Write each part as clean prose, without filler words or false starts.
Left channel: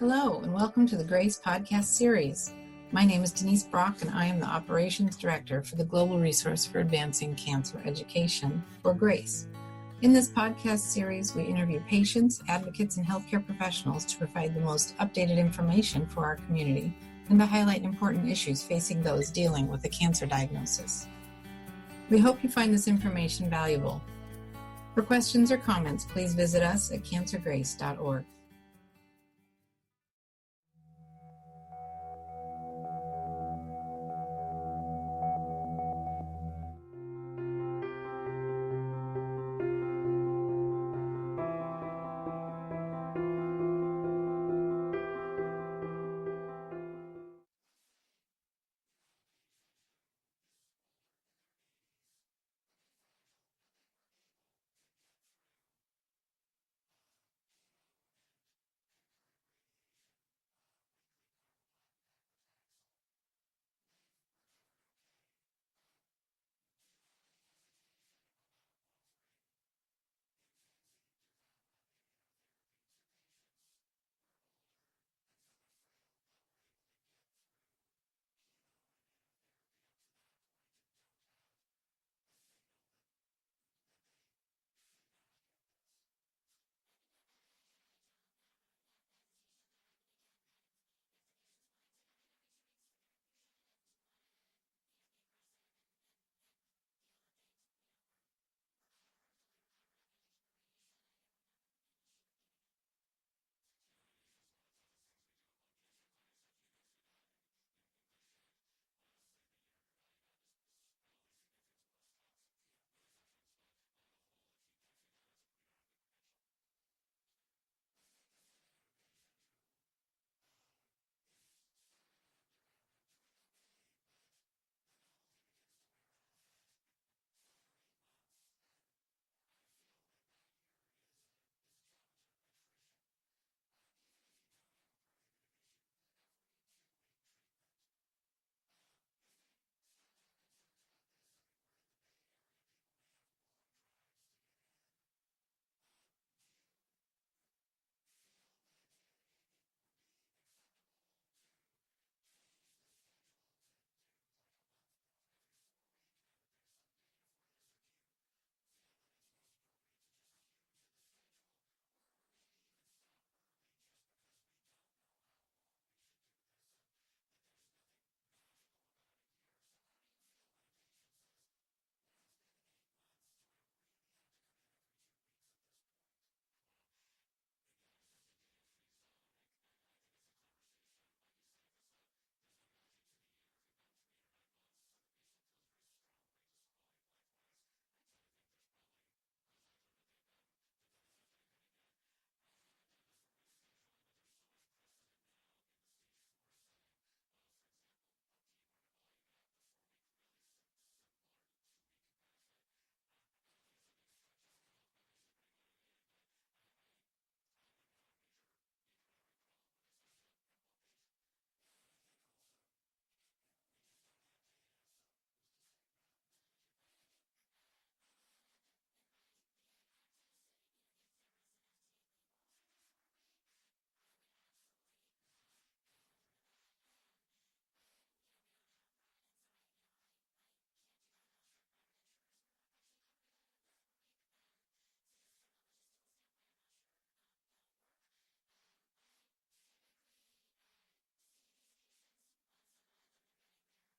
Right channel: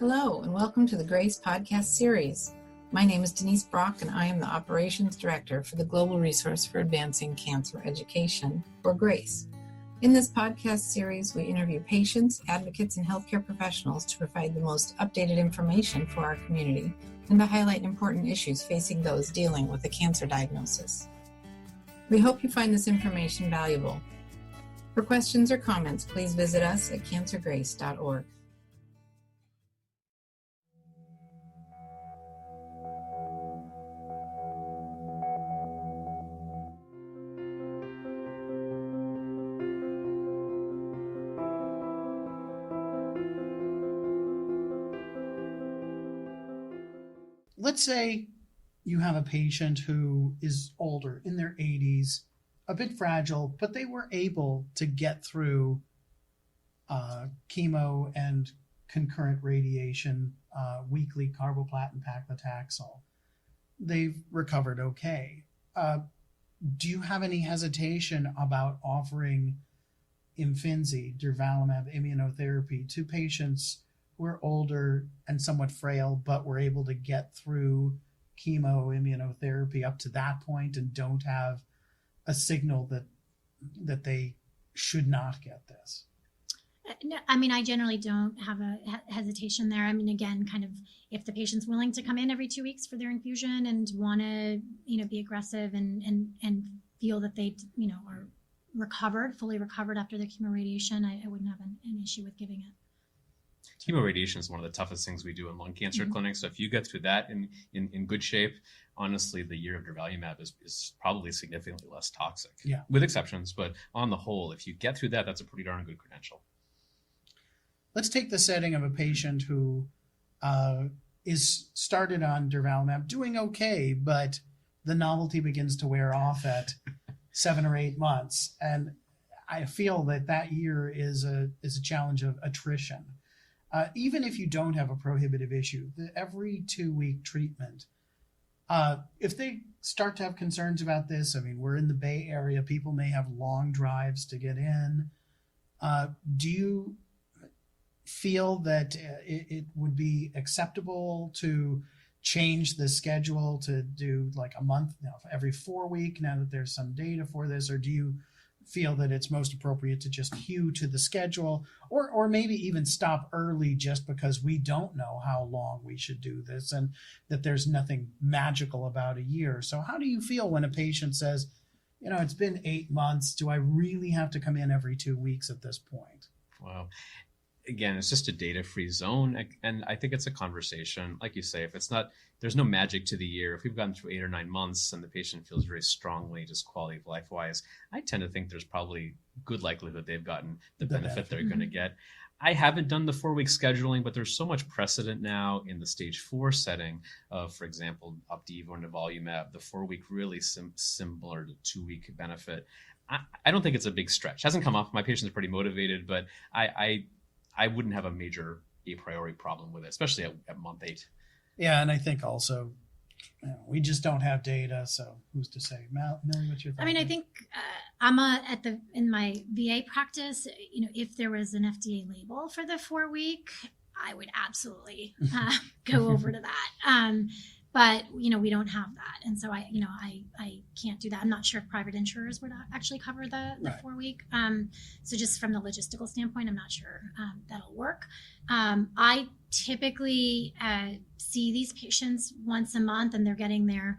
Hello, and welcome to the GRACE podcast series. My name is Denise Brock, and I am the Operations Director for the Global Resource for Advancing Cancer Education, or GRACE. In this podcast series, we interview patients, advocates, and healthcare professionals to provide the most updated information for our community and to highlight important issues facing those dealing with a cancer diagnosis. We hope you find this information valuable. For questions or comments, please visit us at cancergrace.org. Let's say you have a patient who is older, in their 80s, a bit fragile, but they were able to get through chemo and concurrent radiation, weekly carboplatin paclitaxel. They've recovered okay. Do you have any hesitation about offering Imfinzi, Durvalumab immunotherapy to patients who are older and somewhat frail, but were able to get through chemo immunotherapy up to that point and don't have a signal that they should not get this? No, I mean, I generally don't have a hesitation there. I mean, again, kind of if the patient's willing to come in every 2 weeks for their infusion and want to, be aggressive and feel that they, are fully recovered after the chemo radiation, I wouldn't have an issue with giving it. Chemo radiation is one of the toughest things we do in lung cancer clinics. So if you get through that in good shape, honestly, the year of Durvalumab is probably significantly less toxic, with exceptions. But on the whole, if you get through that, that's a pretty darn good credential. Let's take the setting of a patient who is started on Durvalumab, doing okay, but the novelty begins to wear off at 7 or 8 months. And I feel that year is a challenge of attrition. Even if you don't have a prohibitive issue, every 2-week treatment, if they start to have concerns about this, I mean, we're in the Bay Area, people may have long drives to get in. Do you feel that it would be acceptable to change the schedule to do like a month, every 4 week, now that there's some data for this, or do you feel that it's most appropriate to just hew to the schedule, or maybe even stop early just because we don't know how long we should do this and that there's nothing magical about a year? So how do you feel when a patient says, it's been 8 months, do I really have to come in every 2 weeks at this point? Wow. Again, it's just a data-free zone. And I think it's a conversation. Like you say, there's no magic to the year. If we've gotten through 8 or 9 months and the patient feels very strongly, just quality of life wise, I tend to think there's probably good likelihood they've gotten the benefit they're going to get. I haven't done the 4-week scheduling, but there's so much precedent now in the stage 4 setting of, for example, Opdivo and Durvalumab, the 4-week really similar to 2-week benefit. I don't think it's a big stretch. It hasn't come up. My patients are pretty motivated, but I wouldn't have a major a priori problem with it, especially at month 8. Yeah, and I think also we just don't have data, so who's to say? Millie, what's your thought? I mean, I think in my VA practice, if there was an FDA label for the 4-week, I would absolutely go over to that. But we don't have that, and so I can't do that. I'm not sure if private insurers would actually cover the 4-week. So just from the logistical standpoint, I'm not sure that'll work. I typically see these patients once a month, and they're getting their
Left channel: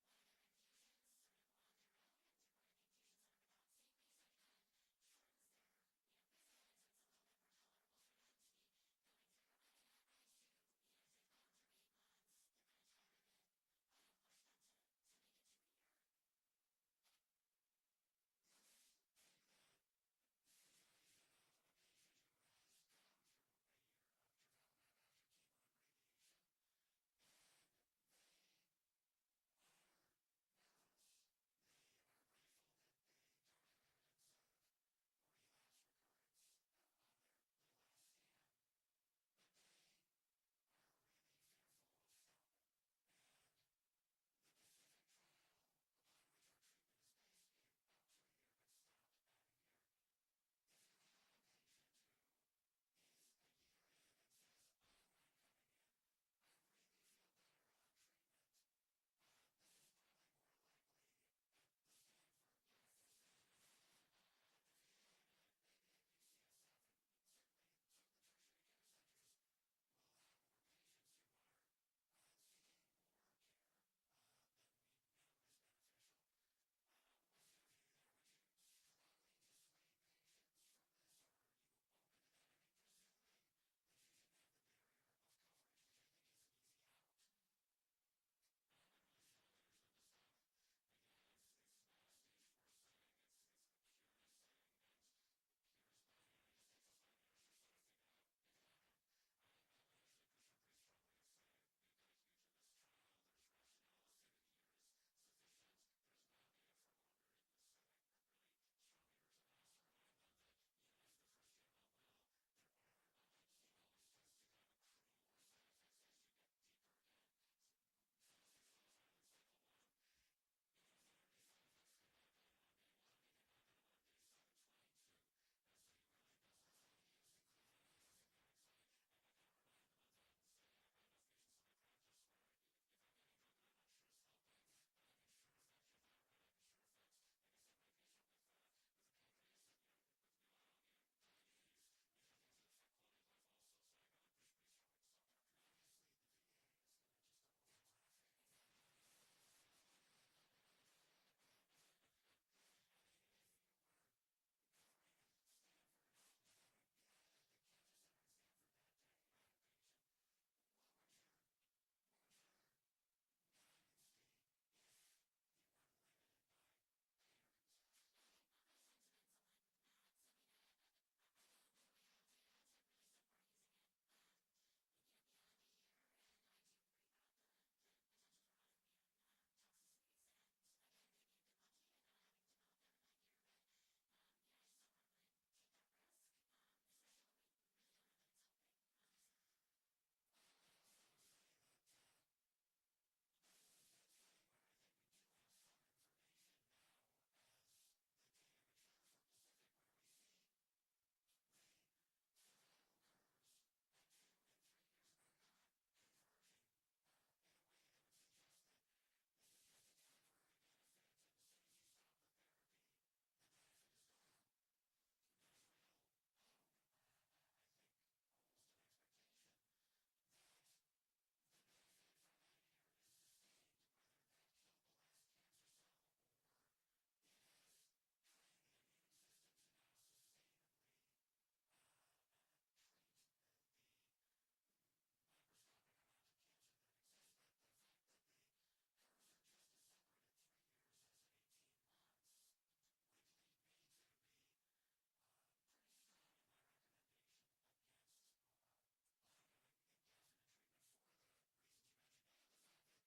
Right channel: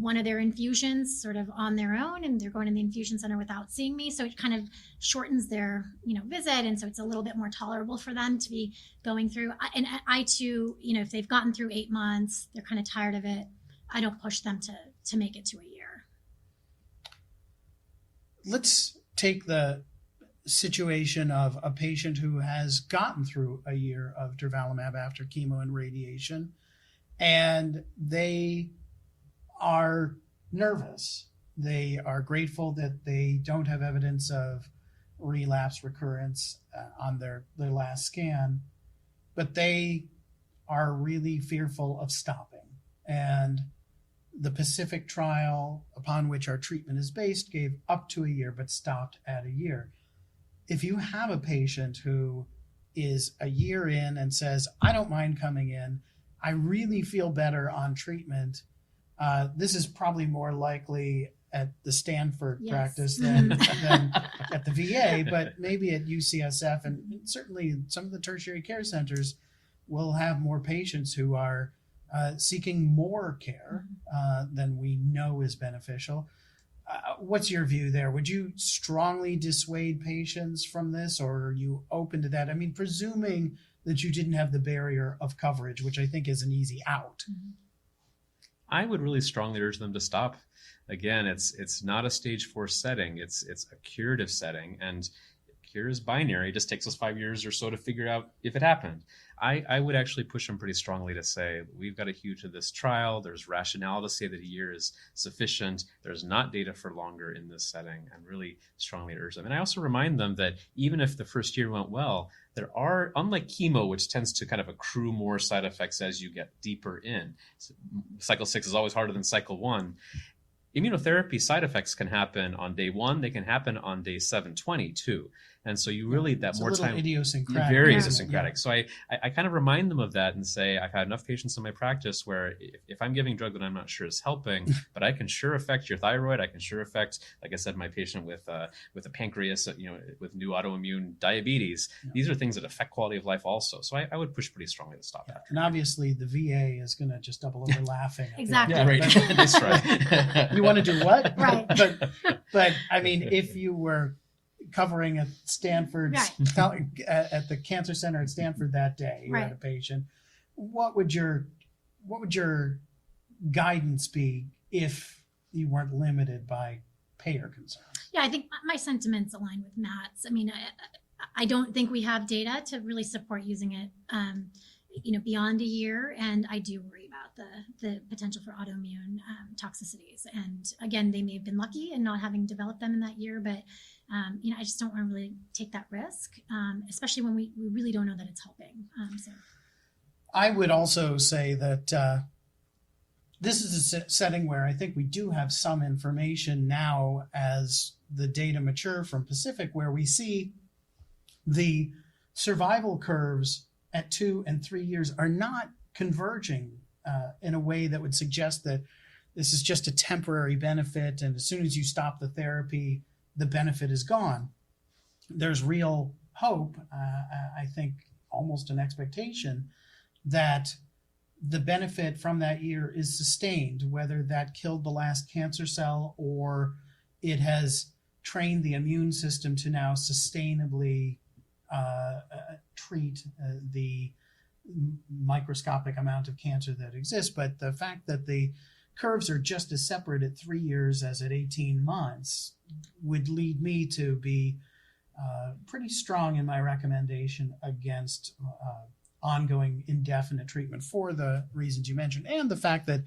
one of their infusions sort of on their own, and they're going to the infusion center without seeing me. So it kind of shortens their, visit. And so it's a little bit more tolerable for them to be going through. And I too, if they've gotten through 8 months, they're kind of tired of it, I don't push them to make it to a year. Let's take the situation of a patient who has gotten through a year of Durvalumab after chemo and radiation, and they are nervous. They are grateful that they don't have evidence of relapse recurrence on their last scan, but they are really fearful of stopping. And the Pacific trial, upon which our treatment is based, gave up to a year but stopped at a year. If you have a patient who is a year in and says, I don't mind coming in, I really feel better on treatment, this is probably more likely at the Stanford practice than at the VA, but maybe at UCSF, and certainly some of the tertiary care centers will have more patients who are seeking more care than we know is beneficial. What's your view there? Would you strongly dissuade patients from this, or are you open to that? I mean, presuming that you didn't have the barrier of coverage, which I think is an easy out. I would really strongly urge them to stop. Again, it's not a stage 4 setting. It's a curative setting, and cure is binary. It just takes us 5 years or so to figure out if it happened. I would actually push them pretty strongly to say, we've got to hew to this trial. There's rationale to say that a year is sufficient. There's not data for longer in this setting, and really strongly urge them. And I also remind them that even if the first year went well, there are, unlike chemo, which tends to kind of accrue more side effects as you get deeper in. Cycle 6 is always harder than cycle 1. Immunotherapy side effects can happen on day 1. They can happen on day 720 too. And so you really, that more time, idiosyncratic. Very idiosyncratic. Yeah. So I kind of remind them of that and say, I've had enough patients in my practice where if I'm giving a drug that I'm not sure is helping, but I can sure affect your thyroid, I can sure affect, like I said, my patient with a pancreas, with new autoimmune diabetes. Yeah. These are things that affect quality of life also. So I would push pretty strongly to stop that. And obviously the VA is going to just double over laughing. Exactly. Yeah, right. That's right. You want to do what? Right. But I mean, if you were covering at Stanford, at the Cancer Center at Stanford that day, you had a patient, what would your guidance be if you weren't limited by payer concerns? Yeah, I think my sentiments align with Matt's. I mean, I don't think we have data to really support using it, beyond a year, and I do worry about the potential for autoimmune toxicities. And again, they may have been lucky in not having developed them in that year, but I just don't want to really take that risk, especially when we really don't know that it's helping. So I would also say that this is a setting where I think we do have some information now as the data mature from Pacific, where we see the survival curves at 2 and 3 years are not converging in a way that would suggest that this is just a temporary benefit, and as soon as you stop the therapy, the benefit is gone. There's real hope, I think almost an expectation, that the benefit from that year is sustained, whether that killed the last cancer cell or it has trained the immune system to now sustainably treat the microscopic amount of cancer that exists. But the fact that the curves are just as separate at 3 years as at 18 months would lead me to be pretty strong in my recommendation against ongoing indefinite treatment for the reasons you mentioned, and the fact that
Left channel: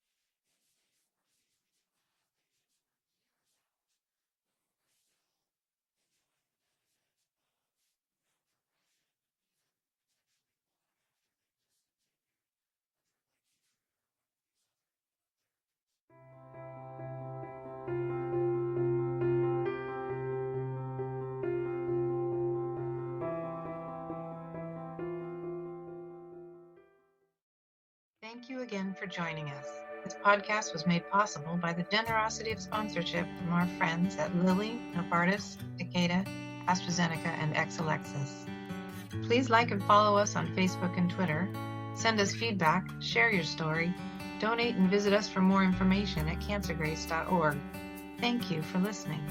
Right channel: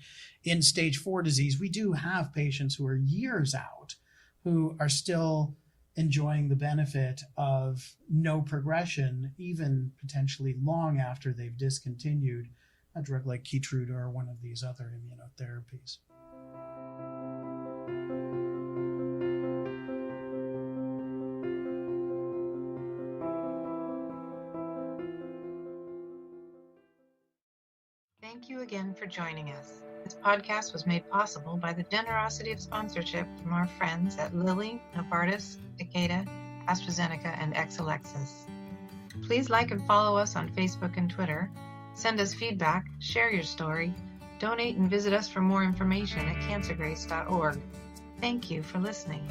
in stage 4 disease, we do have patients who are years out who are still enjoying the benefit of no progression, even potentially long after they've discontinued a drug like Keytruda or one of these other immunotherapies. Thank you again for joining us. This podcast was made possible by the generosity of sponsorship from our friends at Lilly, Novartis, Takeda, AstraZeneca, and Exelixis. Please like and follow us on Facebook and Twitter. Send us feedback, share your story, donate, and visit us for more information at cancergrace.org. Thank you for listening.